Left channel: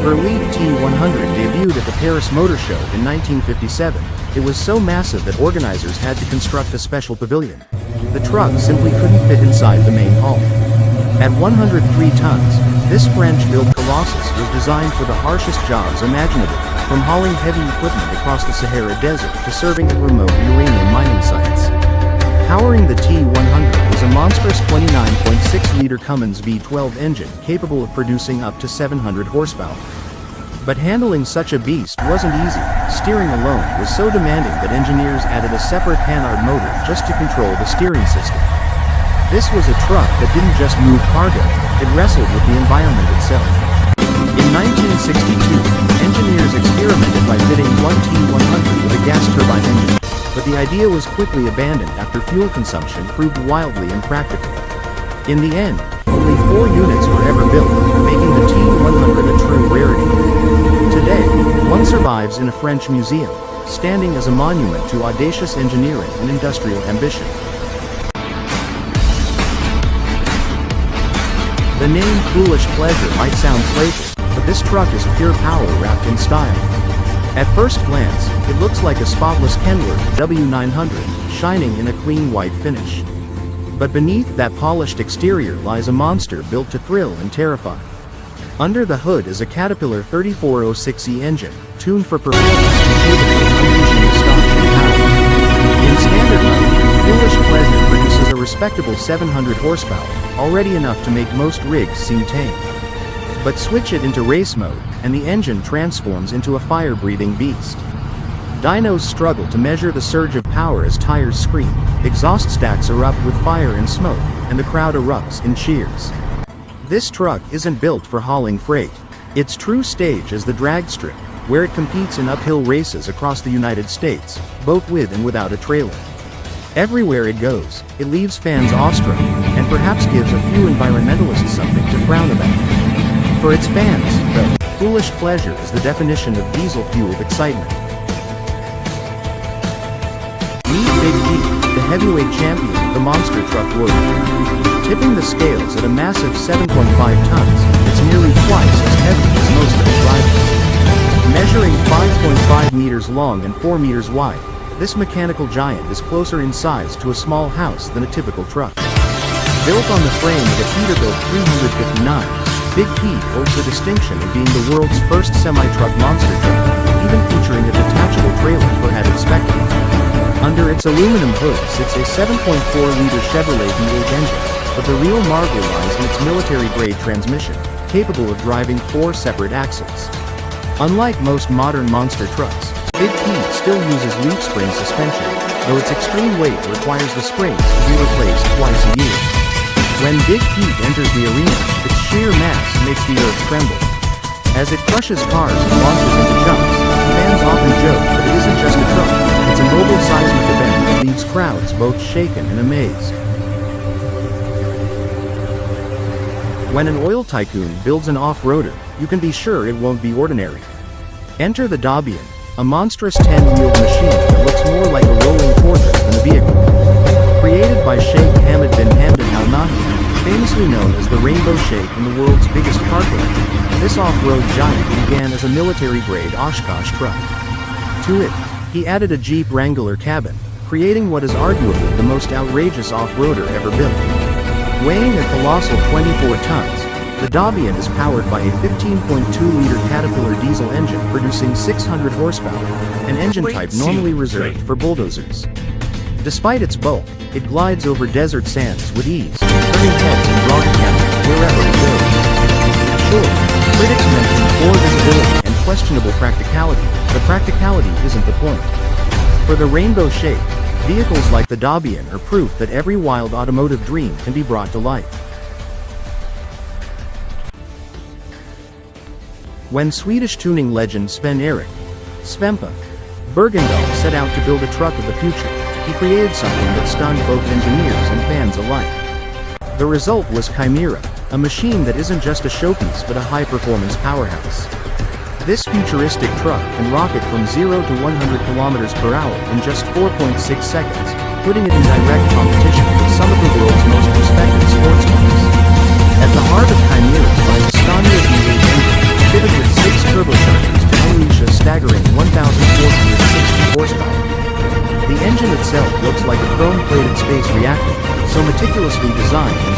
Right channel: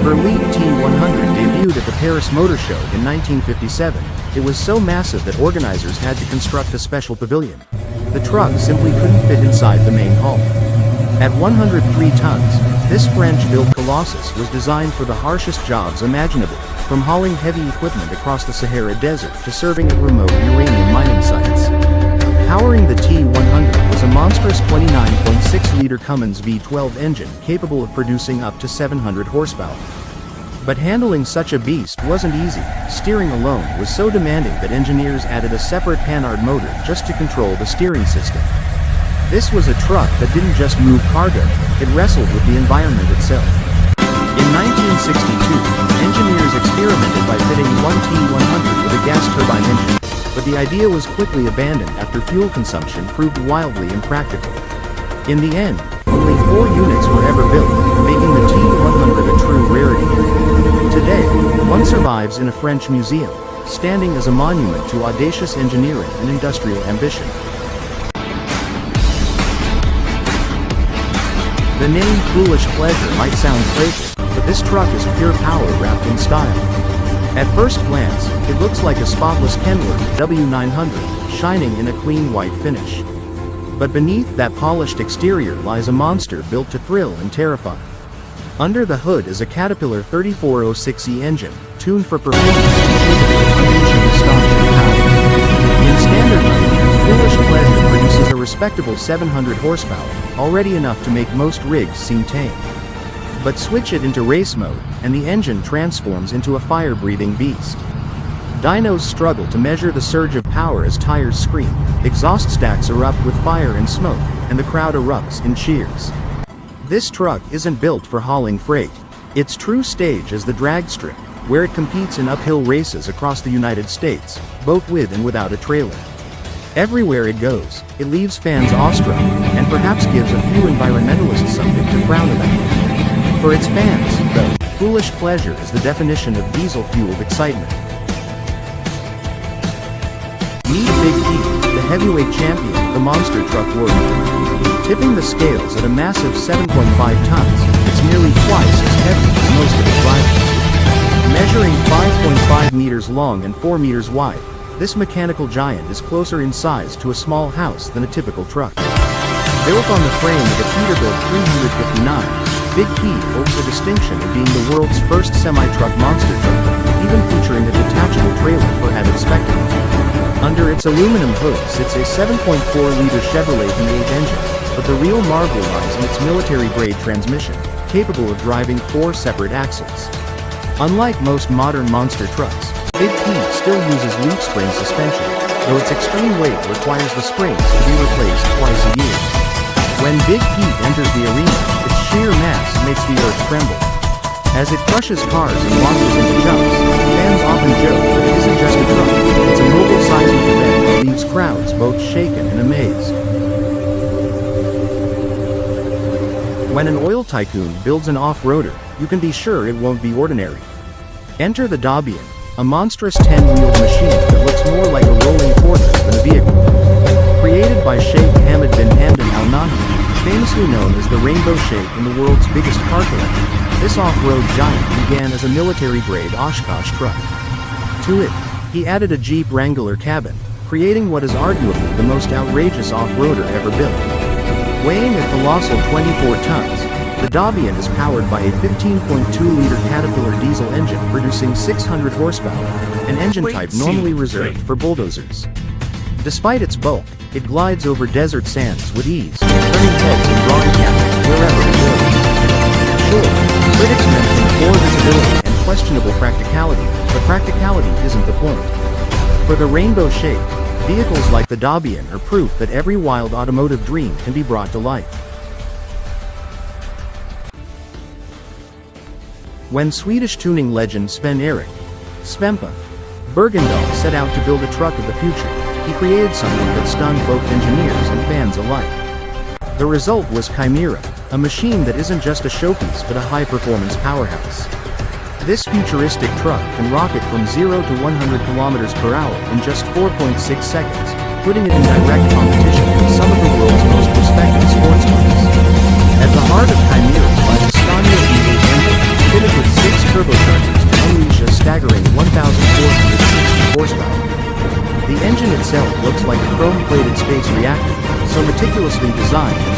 Berliet T100 debuted at the Paris Motor Show in 1957, it was so massive that organizers had to construct a special pavilion. The truck simply couldn't fit inside the main hall. At 103 tons, this French-built Colossus was designed for the harshest jobs imaginable, from hauling heavy equipment across the Sahara Desert to serving at remote uranium mining sites. Powering the T100 was a monstrous 29.6-liter Cummins V12 engine capable of producing up to 700 horsepower. But handling such a beast wasn't easy. Steering alone was so demanding that engineers added a separate Panhard motor just to control the steering system. This was a truck that didn't just move cargo, it wrestled with the environment itself. In 1962, engineers experimented by fitting one T100 with a gas turbine engine, but the idea was quickly abandoned after fuel consumption proved wildly impractical. In the end, only 4 units were ever built, making the T100 a true rarity. Today, one survives in a French museum, standing as a monument to audacious engineering and industrial ambition. The name Foolish Pleasure might sound playful, but this truck is pure power wrapped in style. At first glance, it looks like a spotless Kenworth W900, shining in a clean white finish. But beneath that polished exterior lies a monster built to thrill and terrify. Under the hood is a Caterpillar 3406E engine, tuned for performance and capable of unleashing astonishing power. In standard mode, Foolish Pleasure produces a respectable 700 horsepower, already enough to make most rigs seem tame. But switch it into race mode, and the engine transforms into a fire-breathing beast. Dynos struggle to measure the surge of power as tires scream, exhaust stacks erupt with fire and smoke, and the crowd erupts in cheers. This truck isn't built for hauling freight. Its true stage is the drag strip, where it competes in uphill races across the United States, both with and without a trailer. Everywhere it goes, it leaves fans awestruck, and perhaps gives a few environmentalists something to frown about. For its fans, though, Foolish Pleasure is the definition of diesel-fueled excitement. Meet Big Pete, the heavyweight champion of the monster truck world. Tipping the scales at a massive 7.5 tons, it's nearly twice as heavy as most of its rivals. Measuring 5.5 meters long and 4 meters wide, this mechanical giant is closer in size to a small house than a typical truck. Built on the frame of a Peterbilt 359, Big Pete holds the distinction of being the world's first semi-truck monster truck, even featuring a detachable trailer for added spectacle. Under its aluminum hood sits a 7.4-liter Chevrolet V8 engine, but the real marvel lies in its military-grade transmission, capable of driving 4 separate axles. Unlike most modern monster trucks, Big Pete still uses leaf spring suspension, though its extreme weight requires the springs to be replaced twice a year. When Big Pete enters the arena, its sheer mass makes the earth tremble. As it crushes cars and launches into jumps, fans often joke that it isn't just a truck, it's a mobile seismic event that leaves crowds both shaken and amazed. When an oil tycoon builds an off-roader, you can be sure it won't be ordinary. Enter the Dabian, a monstrous 10-wheeled machine that looks more like a rolling fortress than a vehicle. Created by Sheikh Hamad bin Hamdan Al Nahyan, famously known as the Rainbow Sheikh and the world's biggest car collector, this off-road giant began as a military-grade Oshkosh truck. To it, he added a Jeep Wrangler cabin, creating what is arguably the most outrageous off-roader ever built. Weighing a colossal 24 tons, the Dabian is powered by a 15.2-liter Caterpillar diesel engine producing 600 horsepower, an engine type normally reserved for bulldozers. Despite its bulk, it glides over desert sands with ease, turning heads and drawing cameras wherever it goes. Sure, critics mention poor visibility and questionable practicality, but practicality isn't the point. For the Rainbow Sheikh, vehicles like the Dabian are proof that every wild automotive dream can be brought to life. When Swedish tuning legend Sven-Erik Svempa Bergendahl set out to build a truck of the future, he created something that stunned both engineers and fans alike. The result was Chimera, a machine that isn't just a showpiece but a high-performance powerhouse. This futuristic truck can rocket from 0 to 100 kilometers per hour in just 4.6 seconds, putting it in direct competition with some of the world's most respected sports cars. At the heart of Chimera lies a Scania V8 engine, fitted with 6 turbochargers to unleash a staggering 1,460 horsepower. The engine itself looks like a chrome-plated space reactor, so meticulously designed and